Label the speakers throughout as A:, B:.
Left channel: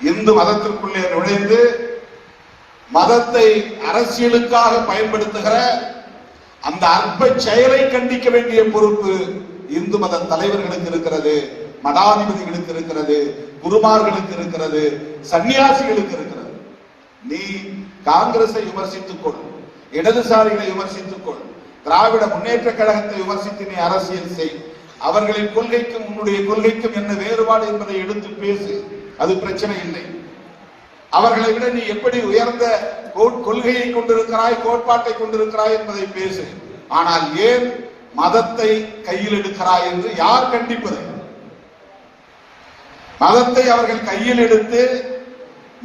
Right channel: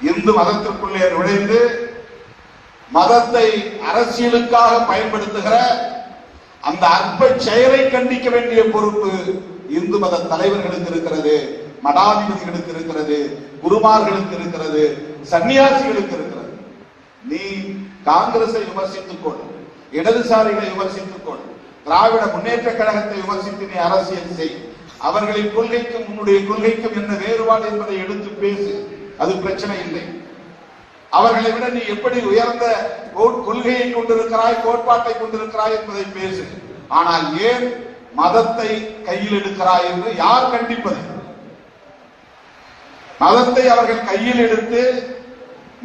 A: இந்து மதத்திற்குள்ளே நுழைந்து மதத்தை அரசியலுக்காக பயன்படுத்துகிற அந்த அற்ப செயலை கண்டிக்க வேண்டிய பொறுப்பு இந்து மத தலைவர்களுக்கு இருக்கிறது மடாதிபதிகளுக்கு இருக்கிறது குருமார்களுக்கு இருக்கிறது சன்னியாசிகளுக்கு இருக்கிறது. நீ காங்கிரஸை விமர்சித்துக் கொள் இடதுசாரிகளை விமர்சித்துக் கொள் திராவிட முன்னேற்ற கழகத்தை விமர்சித்து நீ அரசியல் செய். அவர்களின் கொள்கைக்கும் உன்னுடைய கொள்கைக்கும் என்ன வேறுபாடு என்பதை எடுத்து பேசு. அது பிரச்சனை இல்லை. அவர்களை விட நீ எப்படி உயர்ந்த கொள்கையை கொண்டிருக்கிறாய் கோட்பாட்டை கொண்டிருக்கிறாய் என்பதை பேசு. ஆனால் ஏன் மதத்தை கையில் எடுக்கிறாய் என்று யார் கண்டிப்பது? மதத்தை அவர்கள் கையில் எடுத்து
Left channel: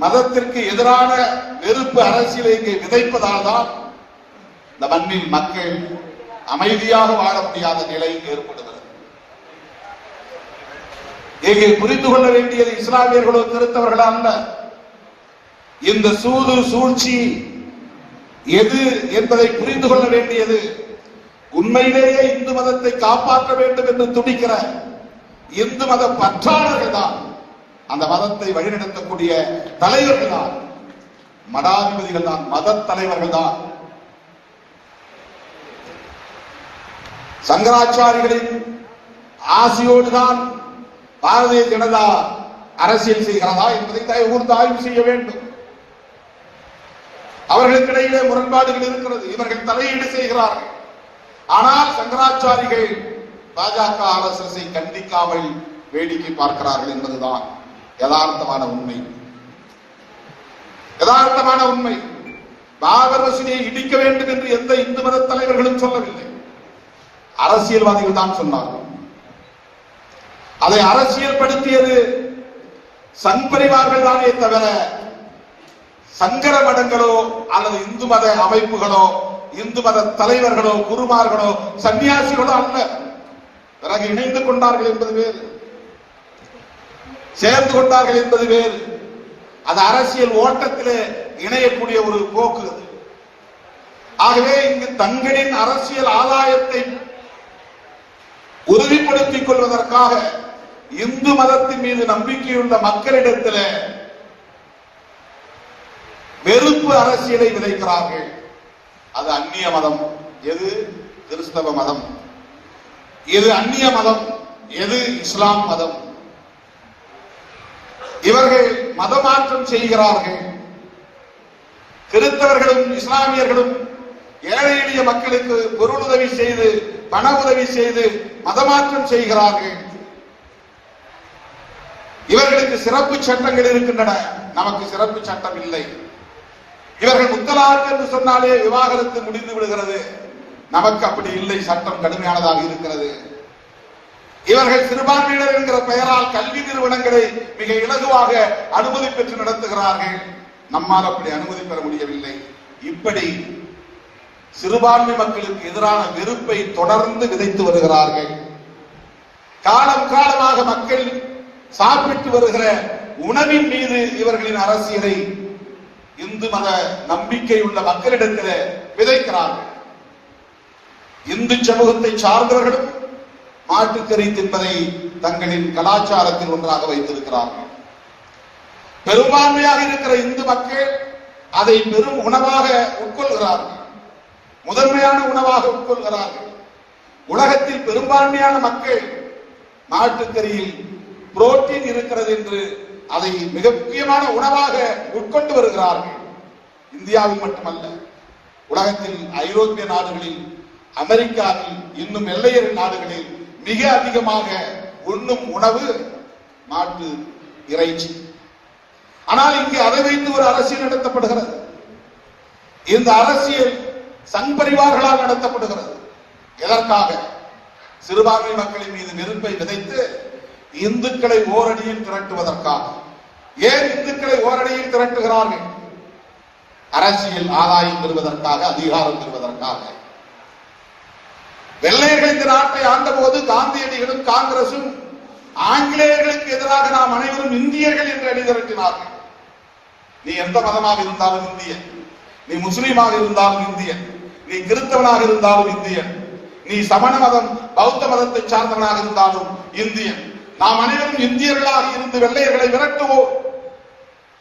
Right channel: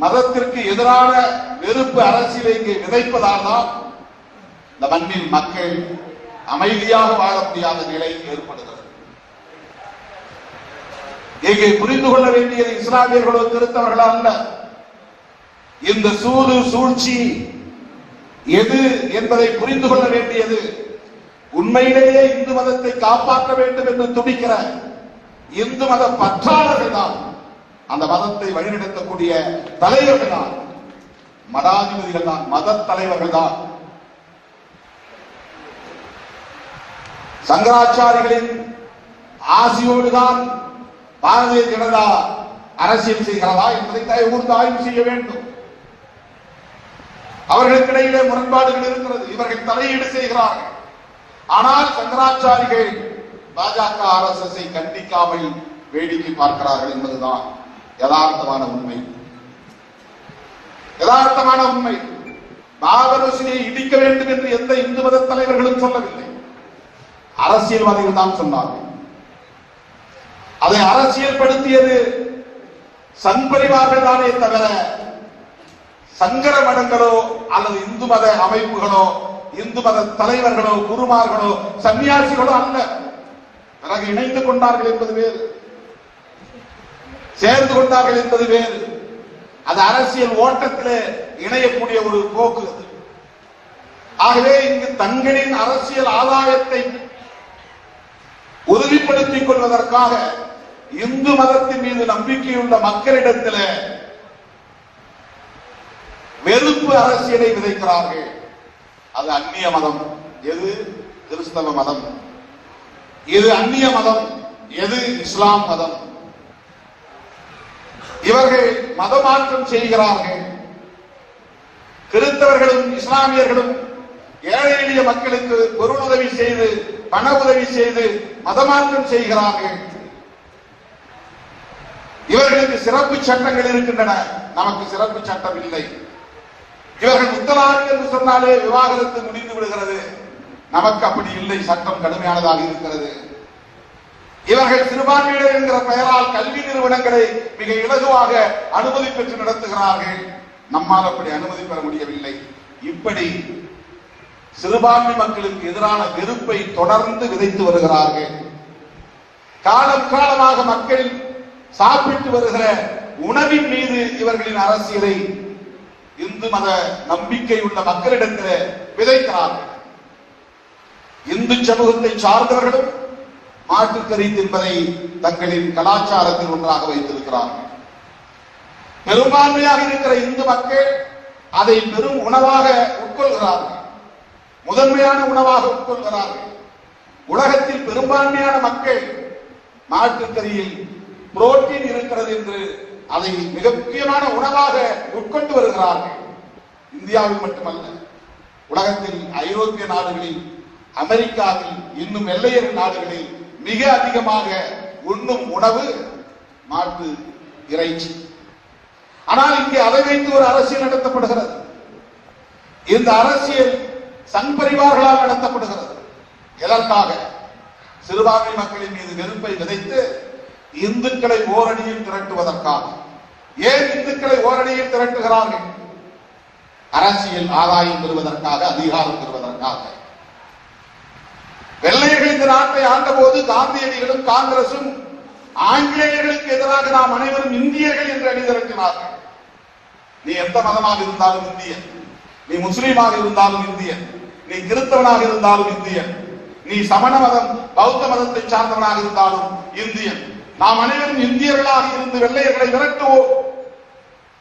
A: மதத்திற்கு எதிரான வெறுப்பு அரசியலை இங்கே விதைப்பதால் தான் இந்த மண்ணில் மக்கள் அமைதியாக வாழ முடியாத நிலை ஏற்படுகிறது. இங்கே புரிந்து கொள்ள வேண்டியது இஸ்லாமியர்களோ திருத்தவர்கள் அல்ல. இந்த சூது சூழ்ச்சி எது என்பதை புரிந்து கொள்ள வேண்டியது. உண்மையிலேயே இந்து மதத்தை காப்பாற்ற வேண்டும் என்று துடிக்கிற இந்து மத பற்றாளர்கள் தான். அந்த மதத்தை வழிநடத்தக்கூடிய தலைவர்கள் தான். மடாதிபதிகள் தான் மத தலைவர்கள் தான். சங்கராச்சாரிகளின் ஆசியோடு தான் பாரதிய ஜனதா அரசியல் செய்கிறதா என்பதை தயவு கூர்ந்து ஆய்வு செய்ய வேண்டும். அவர்களுக்கிடையிலே முரண்பாடுகள் இருக்கிறது. இவர்கள் தலையீடு செய்கிறார்கள். ஆனால் சங்கராச்சாரிகள் பாஜக ஆர்எஸ்எஸ் கண்டிக்காமல் வேடிக்கை பார்க்கிறார்கள் என்பதுதான் யதார்த்தமான உண்மை. யதார்த்தமான உண்மை. பாபர் மசூதியை இடிக்க வேண்டும் என்று எந்த இந்து மத தலைவர்களும் சொல்லவில்லை. அரசியல்வாதிகள் தான் சொன்னார்கள். அதை அரசியல்படுத்தியது சங்பரிவார்கள் தானே தவிர சங்கர மடங்களோ அல்லது இந்து மத அமைப்புகளோ இந்து மத தலைவர்களோ குருமார்களோ சன்னியாசிகளோ அல்ல. பிறகு இணைந்து கொண்டார்கள் என்பது வேறு. சேர்ந்து கொண்டார்கள் என்பது வேறு. அது அரசியல் ஓட்டத்திலே இணையக்கூடிய ஒரு போக்கு அது. ஆகவே இங்கு தங்களின் அரசியல் ஆதாயத்தை உறுதிப்படுத்திக் கொள்வதற்காக இந்து மதத்தின் மீது நம்பிக்கையுள்ள மக்களிடத்தில் வெறுப்பு அரசியலை விதைக்கிறார்கள். அது அந்நிய மதம். எது? கிறிஸ்தவ மதம். எது அந்நிய மதம். எது? இஸ்லாம் மதம். இவர்கள் மதமாற்றம் செய்கிறார்கள். கிறிஸ்தவர்களும் இஸ்லாமியர்களும் ஏழை எளிய மக்களுக்கு பொருளுதவி செய்து பண உதவி செய்து மதமாற்றம் செய்கிறார்கள். இவர்களுக்கு சிறப்பு சட்டங்கள் இருக்கின்றன. நமக்கு சிறப்பு சட்டம் இல்லை. இவர்கள் முத்தலாக் என்று சொன்னாலே விவாகரத்து முடிந்து விடுகிறது. நமக்கு அப்படி இல்லை. சட்டம் கடுமையானதாக இருக்கிறது. இவர்கள் சிறுபான்மையினர் என்கிற பெயரால் கல்வி நிறுவனங்களை மிக இலகுவாக அனுமதி பெற்று நடத்துகிறார்கள். நம்மால் அப்படி அனுமதி பெற முடியவில்லை. இப்படி சிறுபான்மை மக்களுக்கு எதிரான வெறுப்பை தொடர்ந்து விதைத்து வருகிறார்கள். காலம் காலமாக மக்கள் சாப்பிட்டு வருகிற உணவின் மீது இவர்களின் அரசியலை இந்து மத நம்பிக்கை உள்ள மக்களிடத்தில் விதைக்கிறார்கள். இந்து சமூகத்தை சார்ந்தவர்களும் மாட்டுக்கறி தின்பதை தங்களின் கலாச்சாரத்தில் ஒன்றாக வைத்திருக்கிறார்கள். பெரும்பான்மையாக இருக்கிற இந்து மக்கள் அதை பெரும் உணவாக உட்கொள்கிறார்கள். முதன்மையான உணவாக உட்கொள்கிறார்கள். உலகத்தில் பெரும்பான்மையான மக்கள் மாட்டுக்கறியில் புரோட்டீன் இருக்கிறது என்று அதை மிக முக்கியமான உணவாக உட்கொண்டு வருகிறார்கள். இந்தியாவில் மட்டுமல்ல உலகத்தில் ஐரோப்பிய நாடுகளில் அமெரிக்காவில் இன்னும் வெள்ளையர் நாடுகளில் மிக அதிகமாக உண்ணும் உணவு மாட்டு இறைச்சி. ஆனால் இங்கே அதை வைத்து ஒரு அரசியல் நடத்தப்படுகிறது. இந்த அரசியல் சங் பரிவார்களால் நடத்தப்படுகிறது. எதற்காக? சிறுபான்மை மக்களின் மீது நெருப்பை விதைத்து இந்துக்களை ஓரணியில் திரட்டுவதற்காக. ஏன் இந்துக்களை ஓரணியில் திரட்டுகிறார்கள்? அரசியல் ஆதாயம் பெறுவதற்காக அதிகாரம் பெறுவதற்காக. வெள்ளையர்கள் இந்த நாட்டை ஆண்டபோது காந்தியடிகளும் காங்கிரசும் ஆங்கிலேயர்களுக்கு எதிராக நாம் அனைவரும் இந்தியர்கள் என்று அணி திரட்டினார்கள் நீ எந்த மதமாக இருந்தாலும் இந்தியன். நீ முஸ்லீமாக இருந்தாலும் இந்தியன். நீ கிறிஸ்தவனாக இருந்தாலும் இந்தியன். நீ சமண மதம் பௌத்த மதத்தை சார்ந்தவனாக இருந்தாலும் இந்தியன். நாம் அனைவரும் இந்தியர்களாக இருந்து வெள்ளையர்களை விரட்டுவோம்.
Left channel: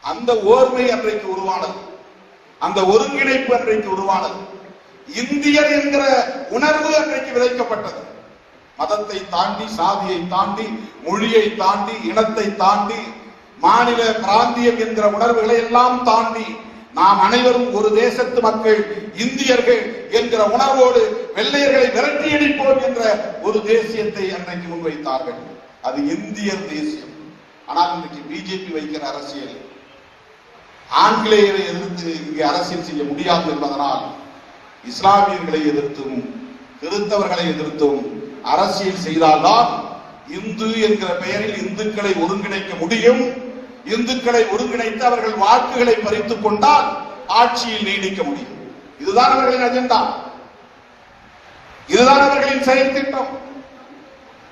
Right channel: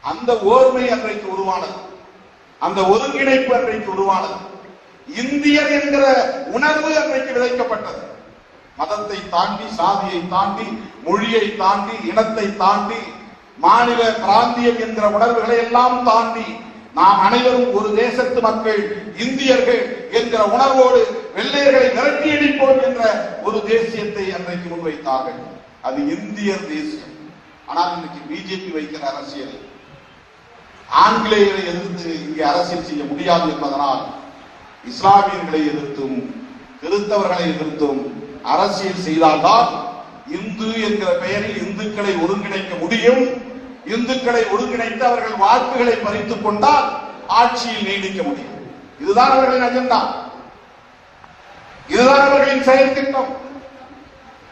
A: அந்த ஓர்மை அன்றைக்கு உருவானது. அந்த ஒருங்கிணைப்பு அன்றைக்கு உருவானது. இந்தியர் என்கிற உணர்வு அன்றைக்கு விதைக்கப்பட்டது. மதத்தை தாண்டி சாதியை தாண்டி மொழியை தாண்டி இனத்தை தாண்டி மாநில பிராந்தியம் என்கிற உணர்வுகளை எல்லாம் தாண்டி நாம் அனைவரும் ஒரு தேசத்து மக்கள் இந்தியர்கள் என்கிற உணர்வோடு வெள்ளையர்களை விரட்டியடிப்போம் என்ற ஒரு தேசியத்தை அன்றைக்கு முன்வைத்தார்கள். அது இந்தியர் தேசியம். ஆனால் இன்னைக்கு பிஜேபி வைக்கிற அரசியல். ஆங்கிலேயரை எதிர்த்து இங்கே அரசியல் செய்ய முடியாது என்பதனால் இஸ்லாமியர்களை எதிர்த்தும் கிறிஸ்தவர்களை எதிர்த்தும் அரசியல் செய்தால்தான் இந்து என்கிற பெயரில் இந்துக்களை ஒருங்கிணைக்க முடியும். இந்துக்களை ஒருங்கிணைத்து அவர்கள் வாக்குகளை பறித்துக் கொண்டால் ஆட்சியில் நீடிக்க முடியும். இதுதான் அவர்களின் அஜெண்டா. இதுதான் அவர்களின் செயல் திட்டம்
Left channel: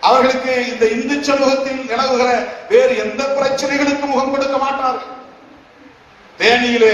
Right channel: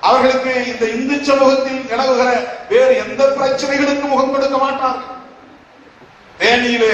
A: அவர்களுக்கு இந்த இந்து சமூகத்தில் நிலவுகிற வேறு எந்த பிரச்சனைகளுக்கும் முகம் கொடுக்க மாட்டார்கள். தேனியிலே